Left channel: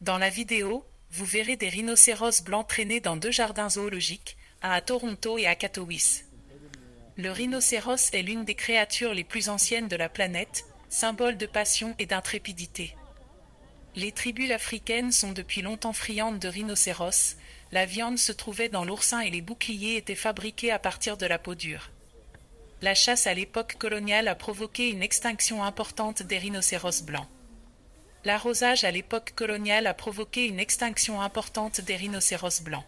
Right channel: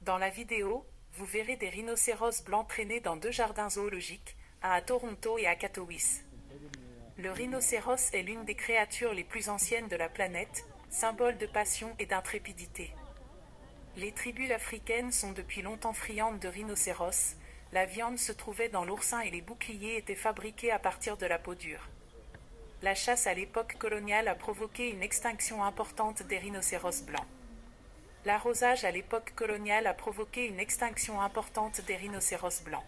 Dans la vidéo, vous verrez des rhinocéros blancs traîner dans deux jardins zoologiques, un à Toronto et à Katowice. Le rhinocéros est l'une des créatures les plus anciennes de la planète, symbole de passion et d'intrépidité. Les tribus africaines sont depuis longtemps friandes de rhinocéros, la viande se trouvait dans l'oursin et les boucliers étaient fabriqués à partir de la peau dure. La chasse à l'époque coloniale a provoqué une extinction importante des rhinocéros blancs. L'arrosage à l'époque coloniale a provoqué une extinction importante des rhinocéros blancs.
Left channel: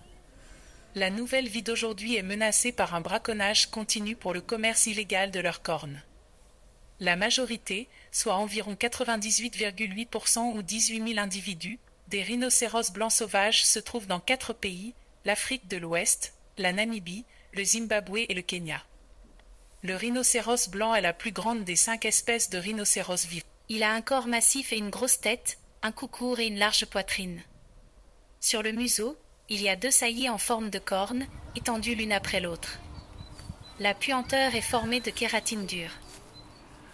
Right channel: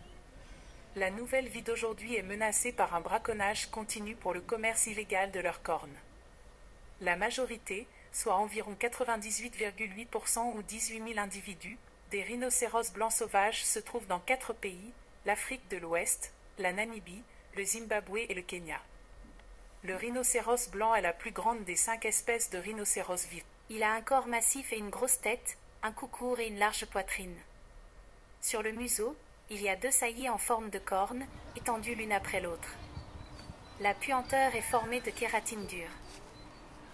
La nouvelle vie d'aujourd'hui est menacée par un braconnage continu pour le commerce illégal de leurs cornes. La majorité, soit environ 98,8% ou 18 000 individus, des rhinocéros blancs sauvages se trouvent dans 4 pays, l'Afrique de l'Ouest, la Namibie, le Zimbabwe et le Kenya. Le rhinocéros blanc est la plus grande des 5 espèces de rhinocéros vivants. Il a un corps massif et une grosse tête, un cou court et une large poitrine. Sur le museau, il y a 2 saillies en forme de cornes, étendues l'une après l'autre. La puanteur est formée de kératine dure.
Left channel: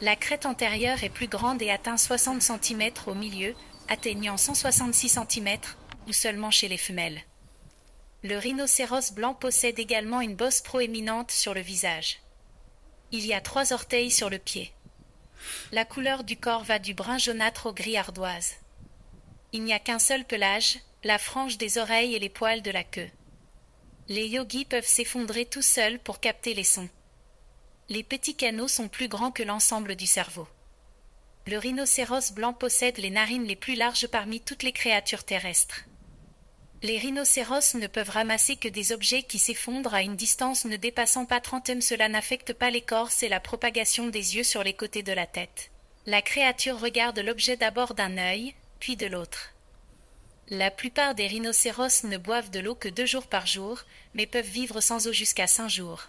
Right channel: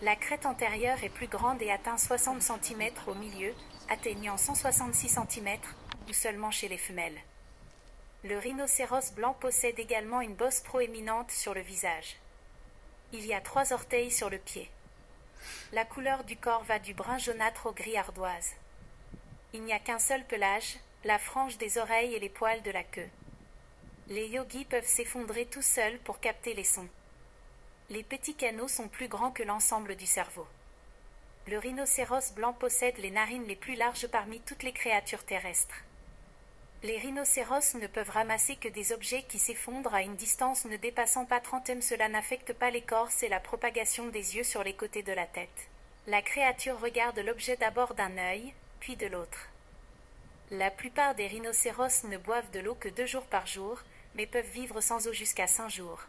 La crête antérieure est plus grande et atteint 60 cm au milieu, atteignant 166 cm, ou seulement chez les femelles. Le rhinocéros blanc possède également une bosse proéminente sur le visage. Il y a 3 orteils sur le pied. La couleur du corps va du brun jaunâtre au gris ardoise. Il n'y a qu'un seul pelage, la frange des oreilles et les poils de la queue. Les yogis peuvent s'effondrer tout seuls pour capter les sons. Les petits canaux sont plus grands que l'ensemble du cerveau. Le rhinocéros blanc possède les narines les plus larges parmi toutes les créatures terrestres. Les rhinocéros ne peuvent ramasser que des objets qui s'effondrent à une distance ne dépassant pas 30 m. Cela n'affecte pas l'écorce et la propagation des yeux sur les côtés de la tête. La créature regarde l'objet d'abord d'un œil, puis de l'autre. La plupart des rhinocéros ne boivent de l'eau que 2 jours par jour, mais peuvent vivre sans eau jusqu'à 5 jours.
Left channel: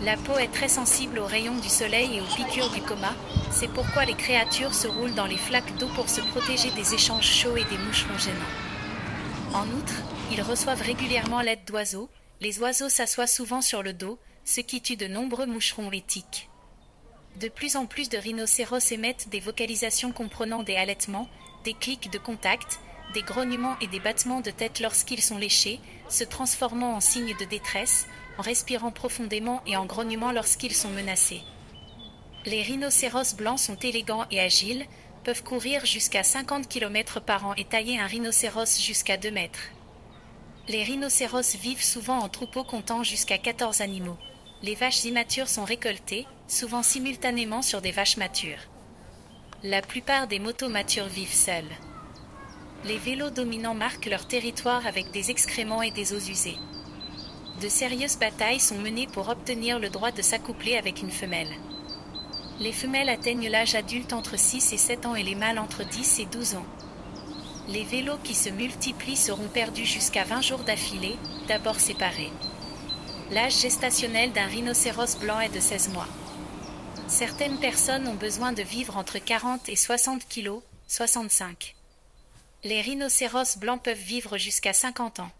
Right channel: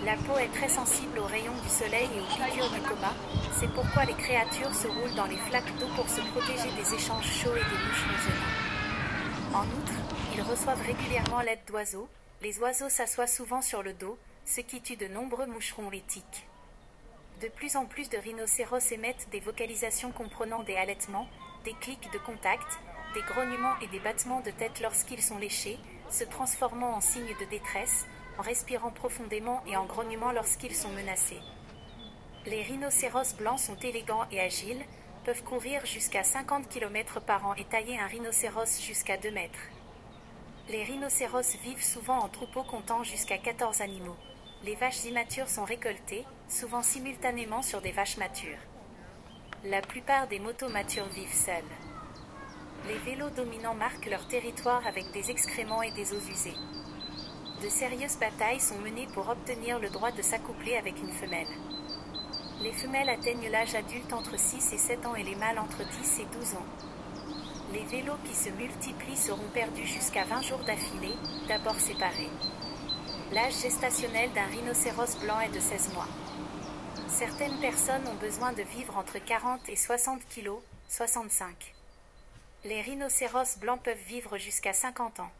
La peau est très sensible aux rayons du soleil et aux piqûres du coma, c'est pourquoi les créatures se roulent dans les flaques d'eau pour se protéger des échanges chauds et des moucherons gênants. En outre, ils reçoivent régulièrement l'aide d'oiseaux. Les oiseaux s'assoient souvent sur le dos, ce qui tue de nombreux moucherons et tiques. De plus en plus de rhinocéros émettent des vocalisations comprenant des halètements, des clics de contact, des grognements et des battements de tête lorsqu'ils sont léchés, se transformant en signes de détresse, en respirant profondément et en grognant lorsqu'ils sont menacés. Les rhinocéros blancs sont élégants et agiles, peuvent courir jusqu'à 50 km par an et tailler un rhinocéros jusqu'à 2 mètres. Les rhinocéros vivent souvent en troupeaux comptant jusqu'à 14 animaux. Les vaches immatures sont récoltées, souvent simultanément sur des vaches matures. La plupart des motos matures vivent seuls. Les vélos dominants marquent leur territoire avec des excréments et des os usés. De sérieuses batailles sont menées pour obtenir le droit de s'accoupler avec une femelle. Les femelles atteignent l'âge adulte entre 6 et 7 ans et les mâles entre 10 et 12 ans. Les vélos qui se multiplient seront perdus jusqu'à 20 jours d'affilée, d'abord séparés. L'âge gestationnel d'un rhinocéros blanc est de 16 mois. Certaines personnes ont besoin de vivre entre 40 et 60 kg, 65. Les rhinocéros blancs peuvent vivre jusqu'à 50 ans.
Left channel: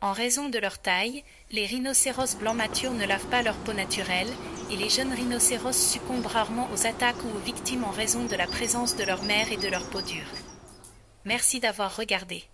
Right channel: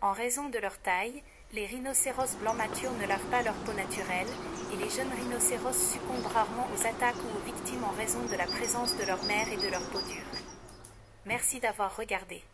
En raison de leur taille, les rhinocéros blancs matures ne lavent pas leur peau naturelle et les jeunes rhinocéros succombent rarement aux attaques ou aux victimes en raison de la présence de leur mère et de leur peau dure. Merci d'avoir regardé.